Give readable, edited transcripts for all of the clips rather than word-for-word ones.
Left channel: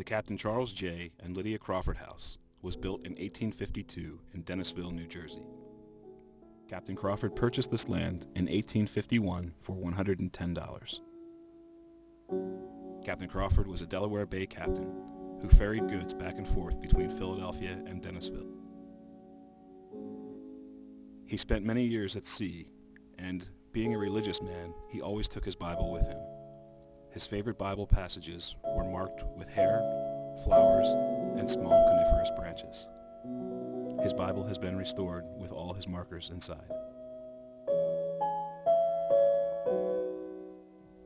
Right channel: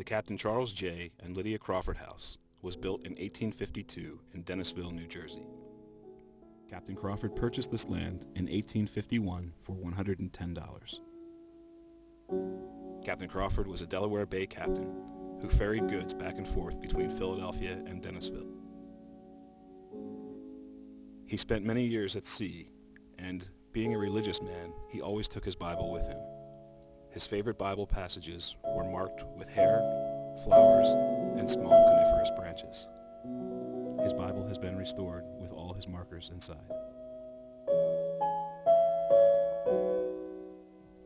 The Captain Charles J. and Lydia Crawford house was built in 1852 in Dennisville, New Jersey. Captain Crawford purchased this land in 1851 for $110. Captain Crawford was a Delaware Bay captain who ferried goods back and forth between Philadelphia and Dennisville. He spent many years at sea, and being a religious man, he always took his Bible with him. His favorite Bible passages were marked with hair, flowers, and small coniferous branches. His Bible has been restored with all his markers inside.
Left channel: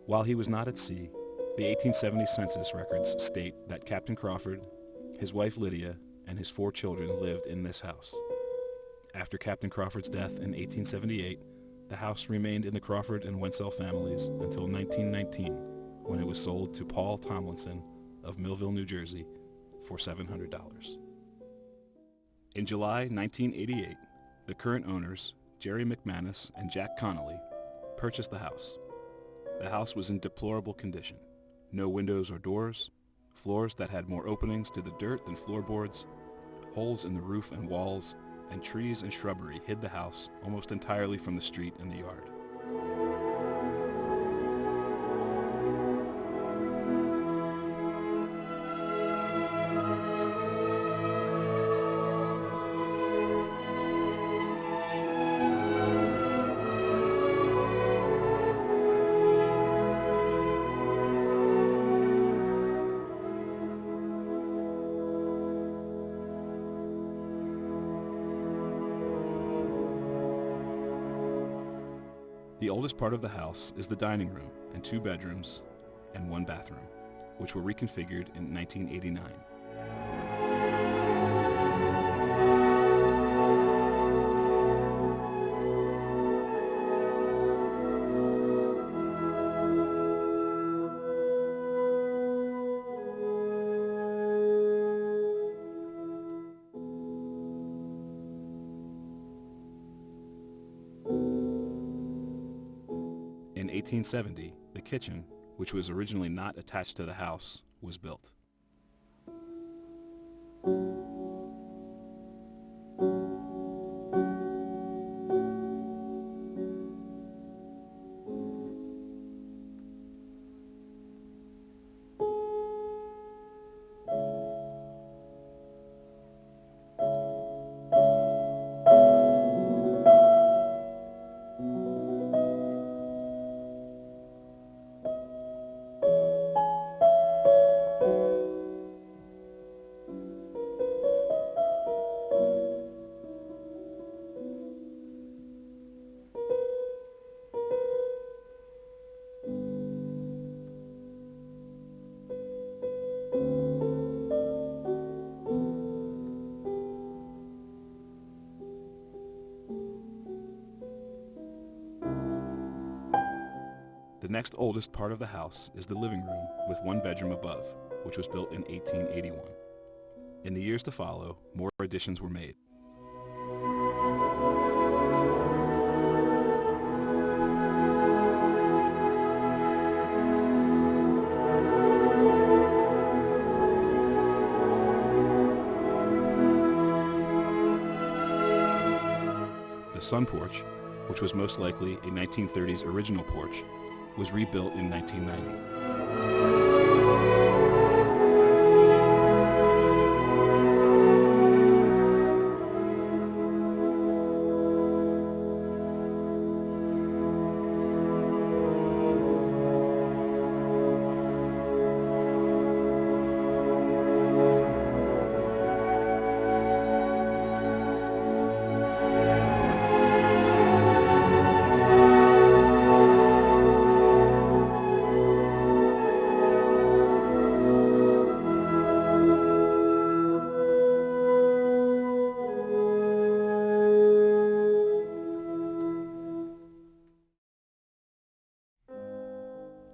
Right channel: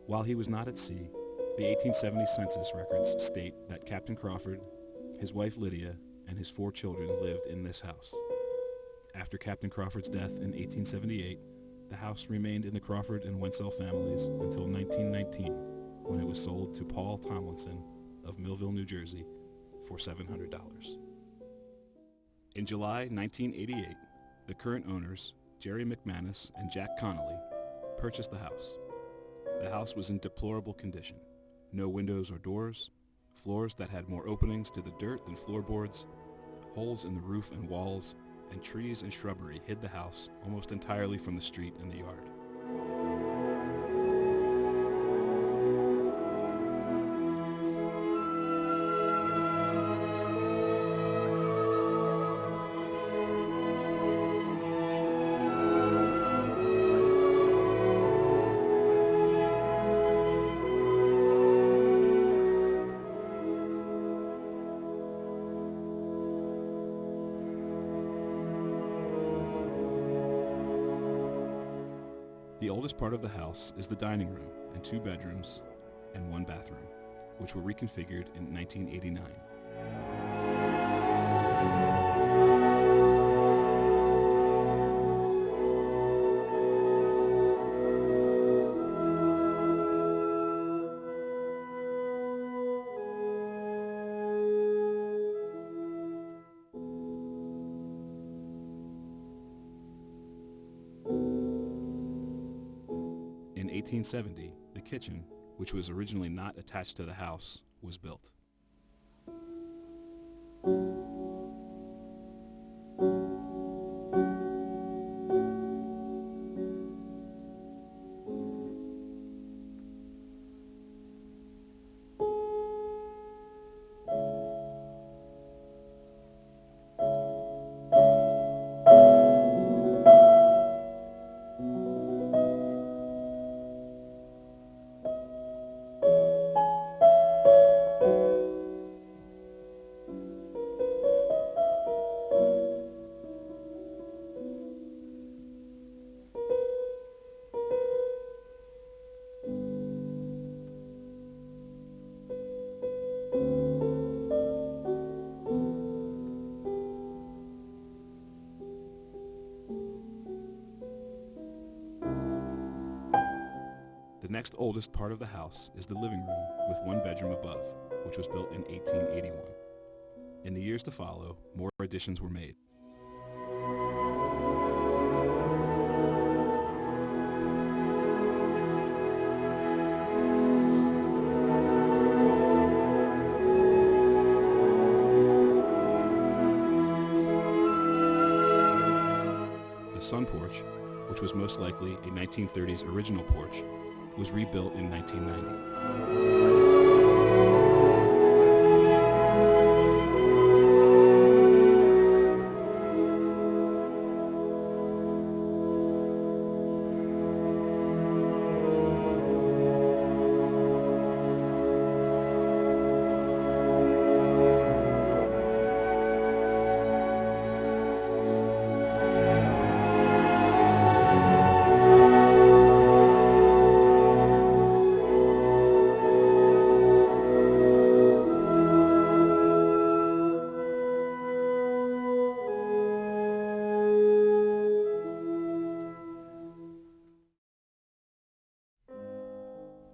While he was not at sea, the 1870 census records state that Captain Crawford, his wife Lydia, and his 4 children lived in this house. After Captain Crawford's death in 1878, the house remained in the Crawford and Wentzell families until 1919, when it was sold to Paul Tomlinson of Millville, New Jersey, for $700. In July 1988, the current owners, Jerry McManus and Jack Connolly, purchased the house. The house was in deplorable condition. No windows or doors, floors that had more openings to the dirt than floorboards, holes in the roof and walls, and trees and shrubbery hid the house almost entirely from the street and the yard. The oldest part of the house is the dining room and 2 bedrooms and 1 bathroom, which were reconfigured in 1989. In 1870, the kitchen, which was originally not attached to the house, was built. The next oldest part of the house is the living room with 1 bedroom above, which was built in 1881. In the years to follow, more additions were made. The sun porch, which was most likely a 1930s original porch, was rebuilt in 1990.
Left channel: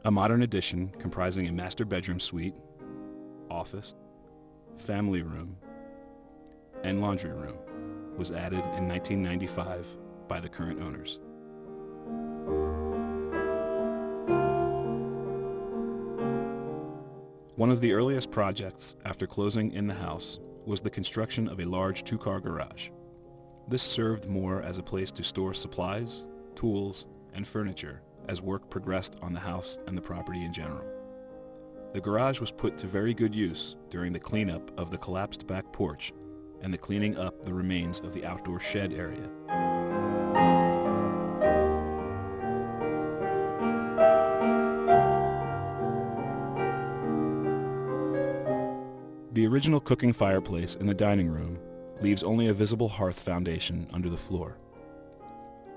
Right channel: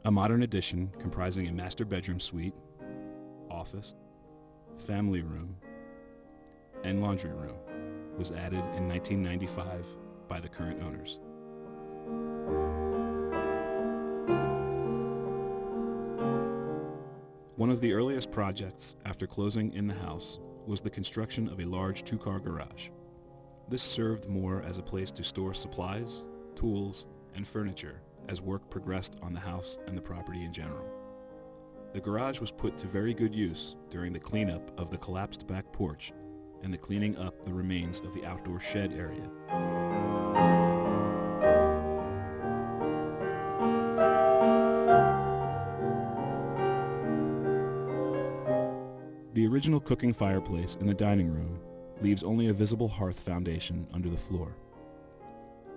A modern addition comprising a master bedroom suite, office, family room, and laundry room was added in 1995 by the current owners. One of the earliest projects after closing in the house was the construction of a large two-car garage. This served more as a place to store supplies, tools, and furniture as work progressed on the house and the property in general. The garage was put to very good use during the cleanup of the collapsed back porch and the cleaning up the remains of the outdoor shed area. The original cooking fireplace in the dining room leaves only a visible hearth foundation under the floor.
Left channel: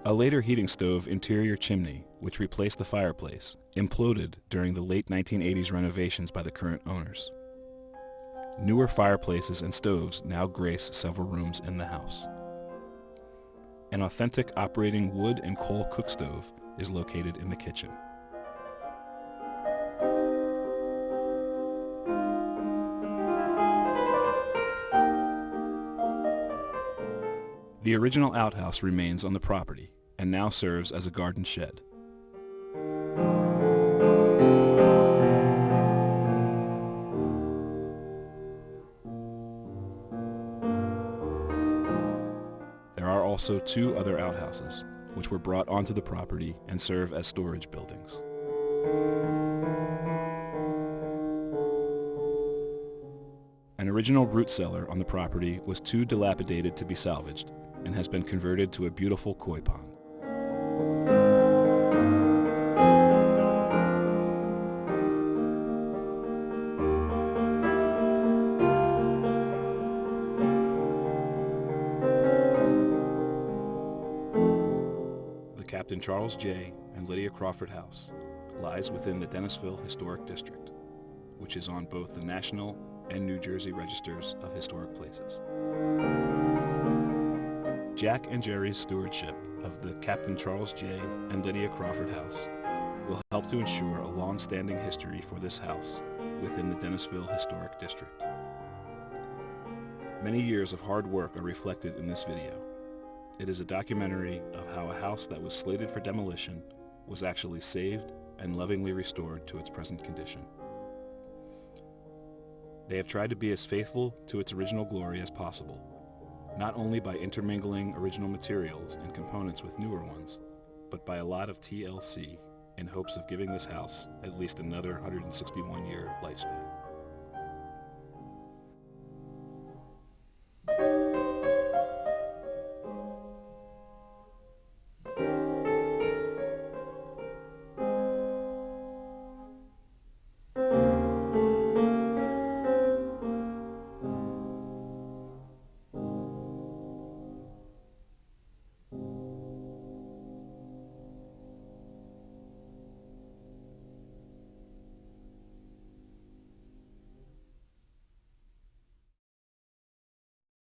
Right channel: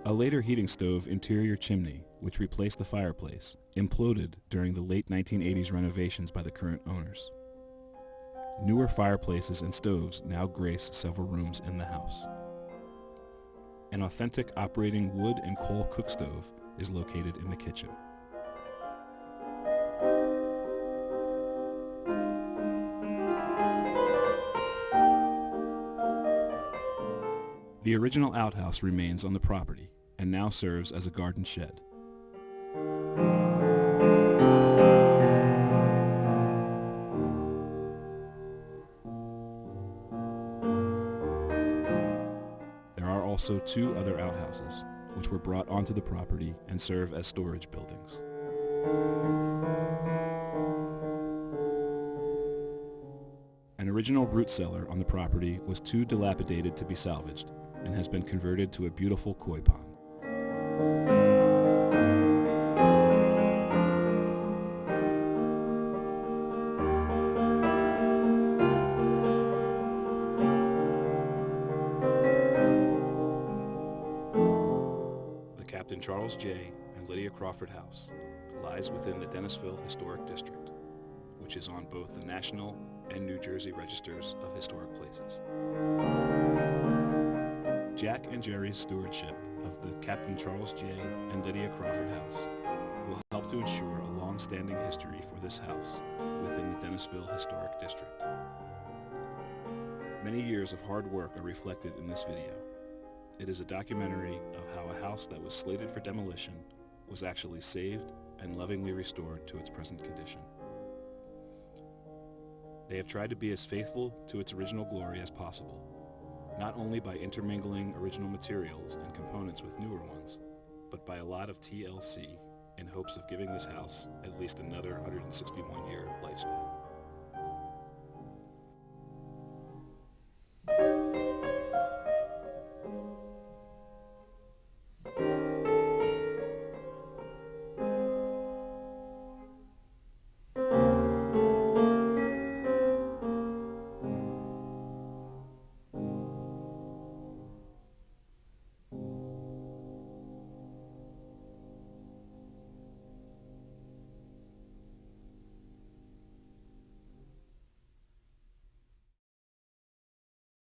A later heating stove interior chimney, which replaced the fireplace, imploded during the late 1980s renovations by the current owners. Newer fireplaces and stoves now grace several rooms in the house. An authentic operating wood and coal cook stove is located in the kitchen. The original outhouse remains on the property and now serves as a garden shed. There are also two other outhouses, which were brought onto the property and serve as storage buildings. An original root cellar on the property was too dilapidated to be salvaged and has been converted to a beautiful koi pond. The Captain Charles J. and Lydia Crawford House lies within the Dennisville Historic District, which is on both the National and New Jersey registers of historic places. Jack and Jerry's stewardship of the Captain Charles J. and Lydia Crawford House will help to ensure a long-standing history for this house within the Dennisville Historic District. Many years of hard work are reflected in this video. It is a documentary of how a house that was slated for demolition was actually saved and lovingly restored to its present condition. They have tried to be as faithful to its original glory as possible, not only by intermingling original materials and components with newer ones, but by a lot of TLC in hopes of giving this house at least another 161-year lifespan.